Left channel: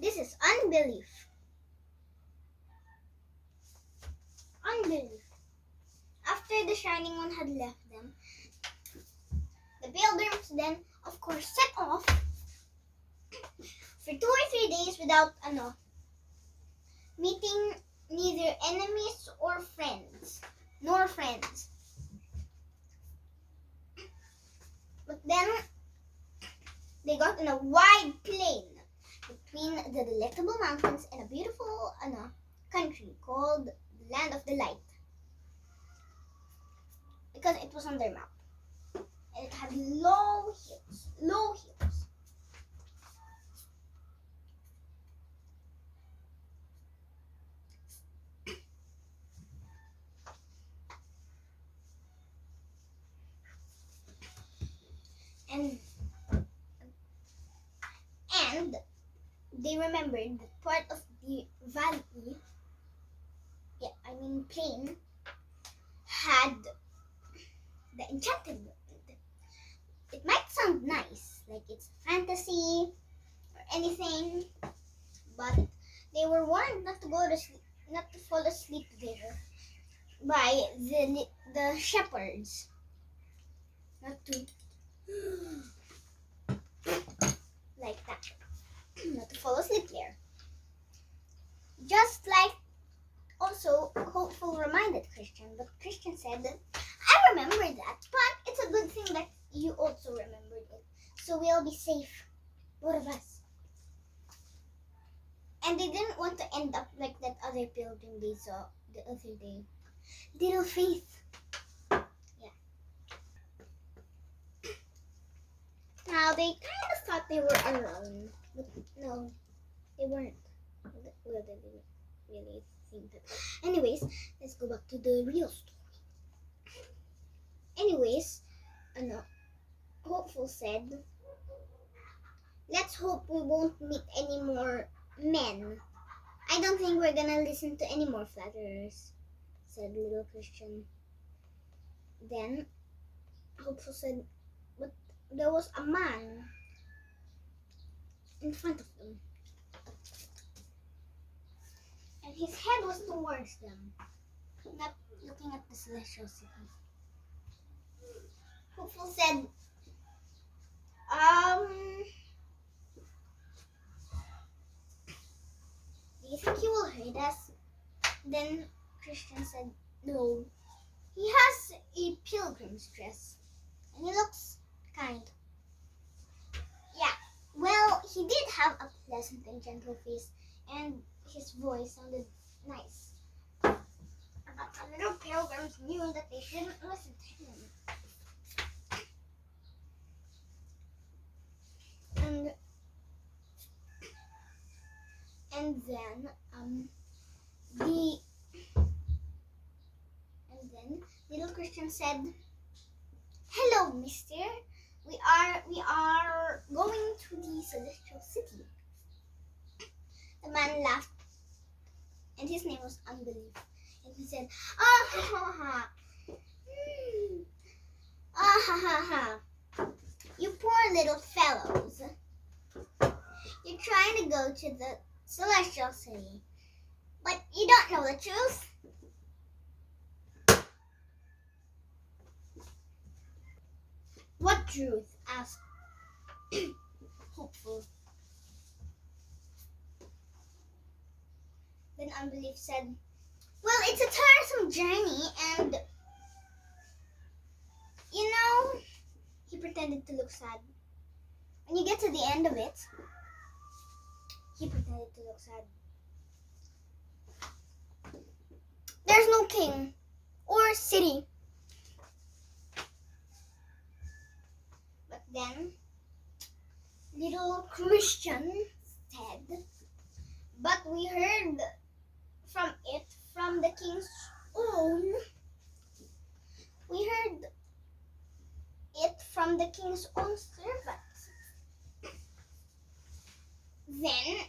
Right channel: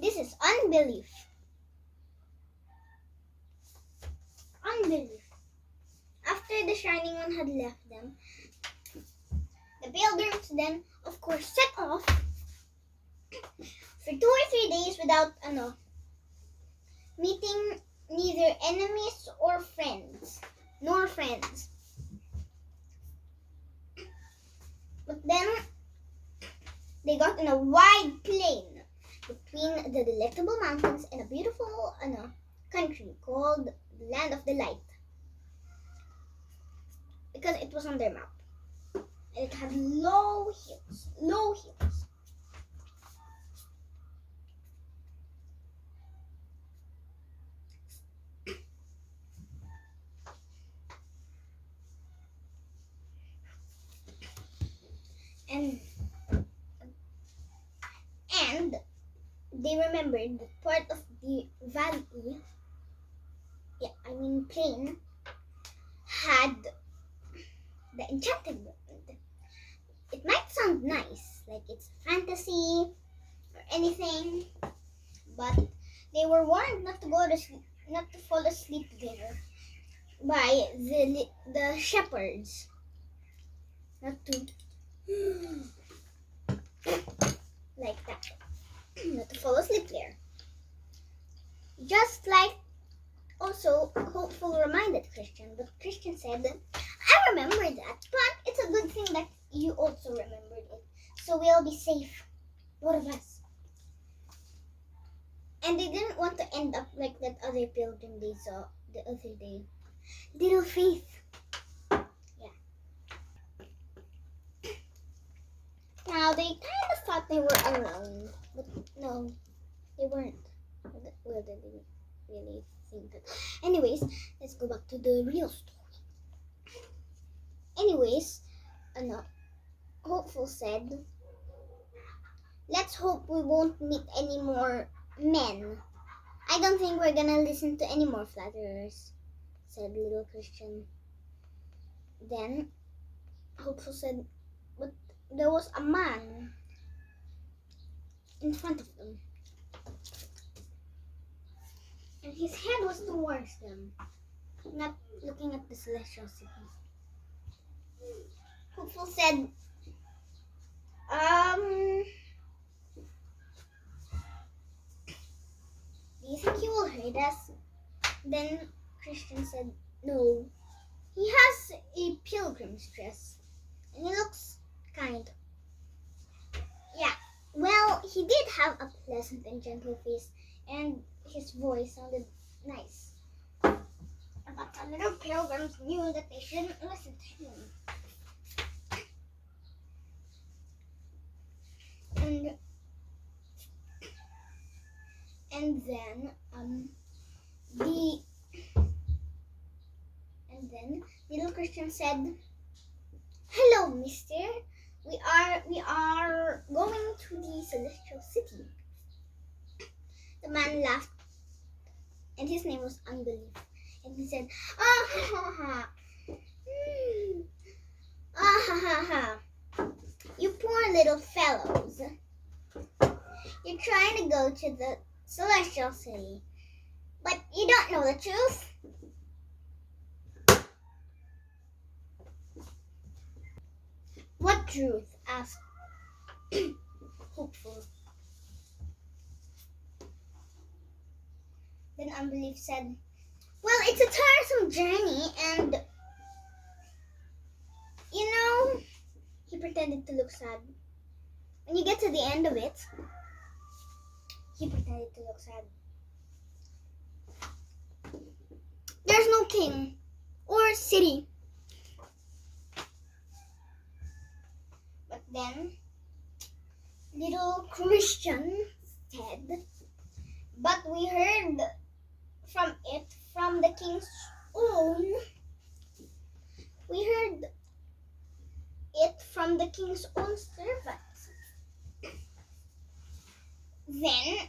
This is unbelief. Unbelief. After the Shining One had left them, the pilgrims then, of course, set off for 2 or 3 days without meeting neither enemies or friends, nor friends. But then they got in a wide plain between the Delectable Mountains and a beautiful country called the Land of Delight, because it was on their map. And it had low hills. And they remembered that part of the valley, plain, had the enchanted world. It might sound nice, like it's fantasy or anything, but they were warned not to fall asleep there by the shepherds. Not to like that. Not to fall asleep there. Just like also Hopeful reminded Christian, but Christian said, I remember that, but it's a good thing that you also remembered it, so we'll be safe, both of us. And they didn't want to end up like that other pilgrim they saw the other day. Little Faith. Yeah. Now they kind of thought they were alone, but no, they weren't. Well, they didn't really think that. Anyways, let's go back to the real story. Anyways, Hopeful said, let's hope we won't meet any more men. I don't think we're gonna listen to any more flatterers, said little Christian. Then Hopeful said, but there was a man in front of them, and his head was towards them, not looking at the celestial city. Hopeful said, do you think he will hurt us? Then Christian said, no. He has a pilgrim's dress, and he looks kind. Yeah, well, he did have a pleasant and gentle face, and his voice sounded nice. But the little pilgrims knew that they shouldn't listen to him. And then little Christian said, hello, mister. We are going to the celestial city. The man laughed, and his name was Unbelief. And he said, ah ha ha ha. Ah ha ha ha. You poor little fellows. You're trying to go to the celestial city, but you don't know the truth. What truth? Asked Hopeful. Then Unbelief said, well, it's a tiresome journey, and he pretended to look sad. When you get to the end of it, he pretended to look sad. There's no king or city. But then little Christian said, but we heard from the king's own. We heard it from the king's own servants. Then,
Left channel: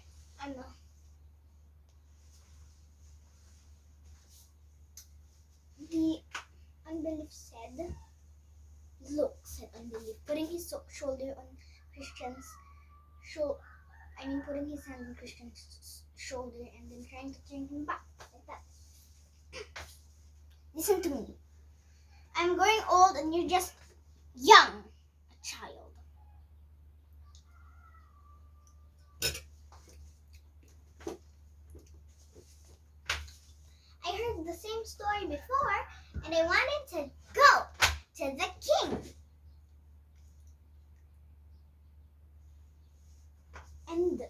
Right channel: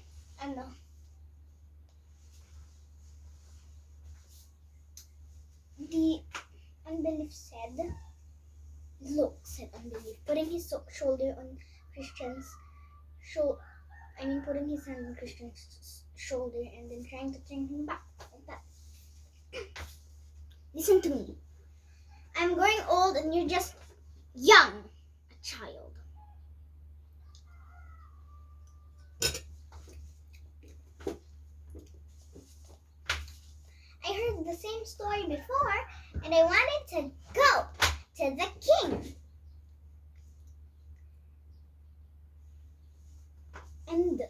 the Unbelief said, look, said Unbelief, putting his shoulder on Christian's putting his hand on Christian's shoulder and then trying to turn him back like that. Listen to me. I'm growing old and you're just young, a child. I heard the same story before and I wanted to go to the king. And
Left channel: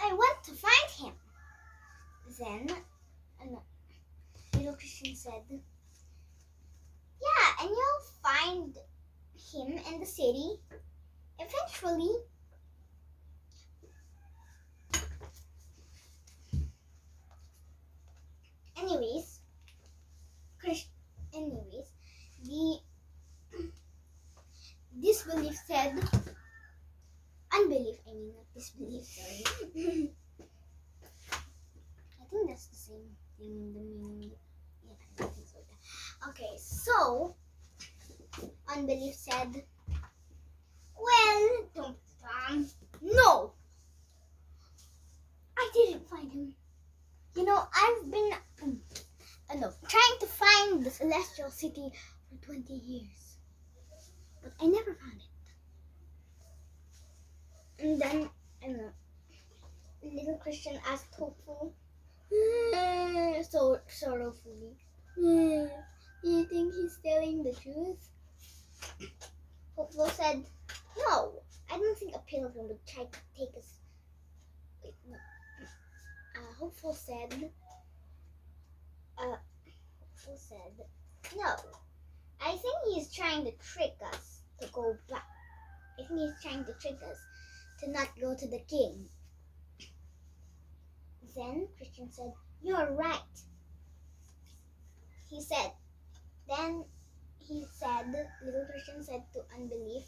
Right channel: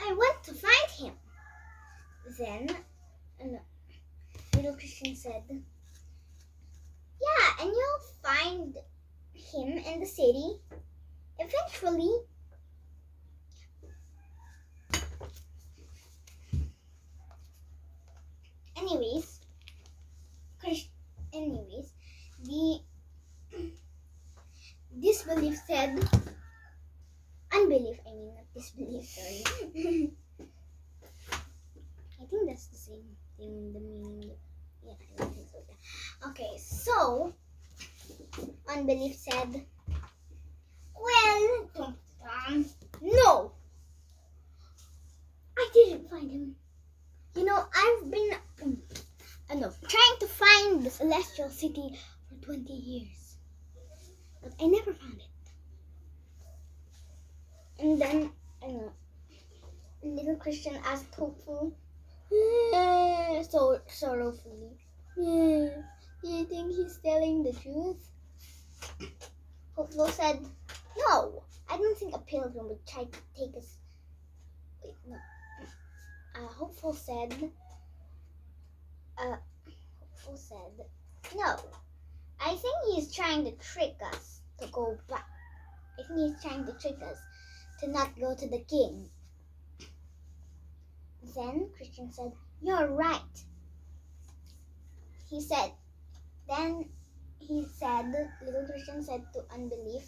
I went to find him. Then little Christian said, yeah, and you'll find him in the city eventually. Anyways, the disbelief said, unbelief, I mean not disbelief, sorry. I think that's the same thing, the meaning. Yeah, I think so. Okay, so unbelief said, well, no, I didn't find him. You know, I've been trying to find the celestial city for 20 years, but I never found it. And then, little Christian asked hopeful, so sorrowfully, do you think he's telling the truth? Hopeful said, no, I don't think a pilgrim would try to take us. Wait, no. Hopeful said, no, I think he's trying to trick us to go back. I think he's trying to trick us to not go to the king. Then Christian said, you're right. Little Christian said to unbelief,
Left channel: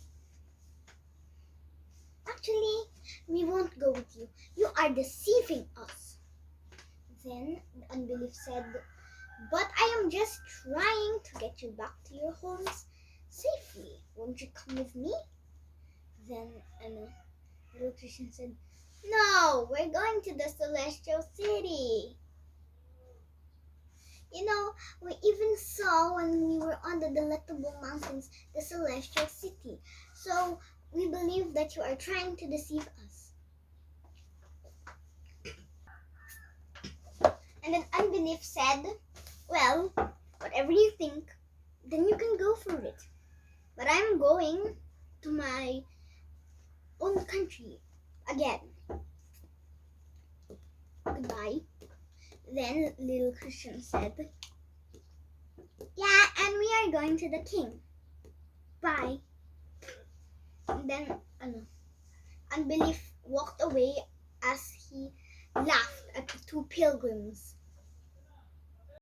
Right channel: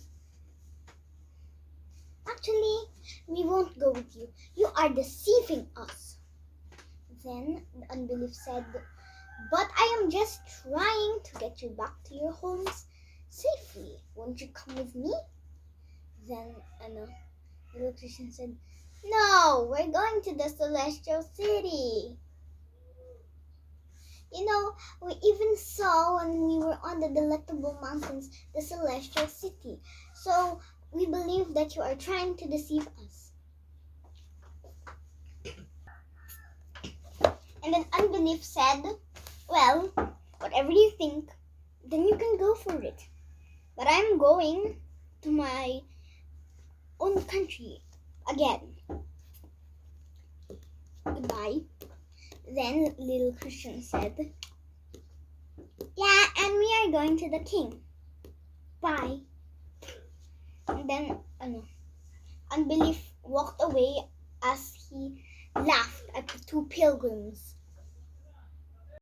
actually, we won't go with you. You are deceiving us. Then the unbelief said, but I am just trying to get you back to your homes safely. Won't you come with me? Then little Christian said, no, we're going to the celestial city. You know, we even saw when we were on the Delectable Mountains, the celestial city. So we believe that you are trying to deceive us. And then unbelief said, well, whatever you think, then you can go for it. But I'm going to my own country again. Goodbye. Then little Christian said, yeah, and we are going to the king. Bye. And then unbelief walked away